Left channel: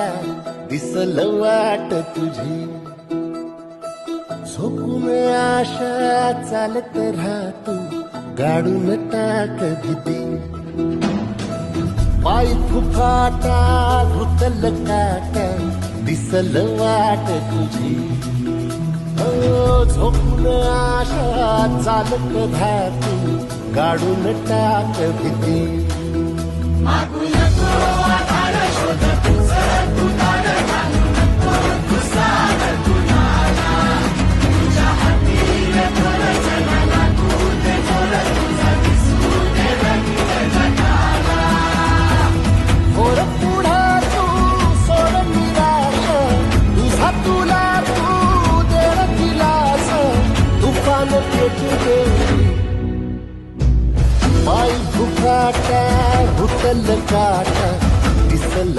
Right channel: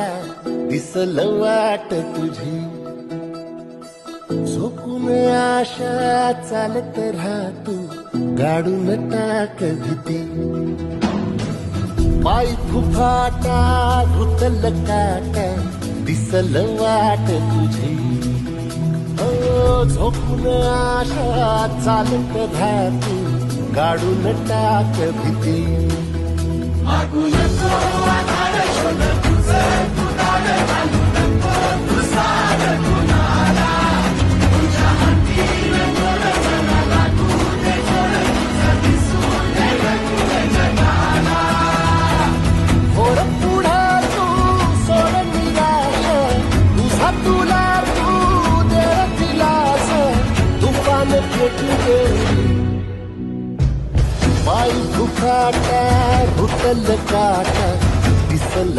काटा दिसल वाट तुझी झोपून आशा चालत राहतो गाडून टाक भीती पाय फुफाटा रुतल काटा दिसल वाट तुझी झोपून आशा चालत राहतो गाडून टाक भीती तुला तू दे दिलास तुफान पेटू देवी पाय फुफाटा रुतल काटा दिसल